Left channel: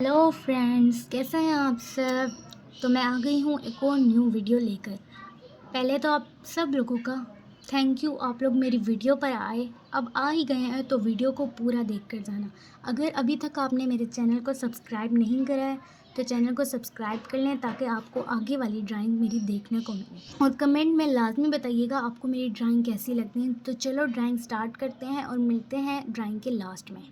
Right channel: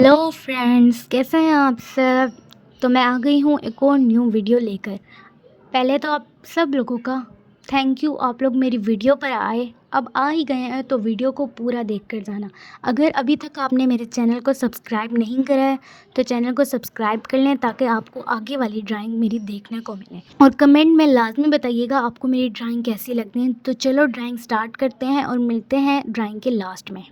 Hello friends, कैसे हैं आप सब। तो मैं आ गई हूँ एक और न्यू वीडियो लेकर। पहले तो आप सब लोगों का थैंक यू, आप लोग मेरी वीडियो पर आए। अब आ ही गए हैं तो वीडियो को पूरा देख कर जाना। अगर अभी तक आपने मेरे चैनल को सब्सक्राइब नहीं करा है तो चैनल को सब्सक्राइब कर लें ताकि आपको आगे वाली ड्राइंग मेरी देखने को मिले। और कमेंट में लाजमी बताइएगा आपको मेरी ड्राइंग कैसी लगती है। तो चलो ड्राइंग स्टार्ट करते हैं और मिलते हैं ड्राइंग के लास्ट में।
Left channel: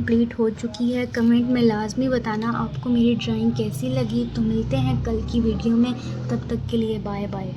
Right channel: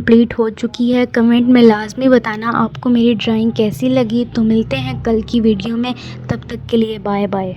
कंप्लीट हो चुकी है। कमेंट में लाजमी बताना आपको मेरी ड्राइंग कैसी लगी। तो मिलते हैं कल की वीडियो में, तब तक के लिए बाय बाय।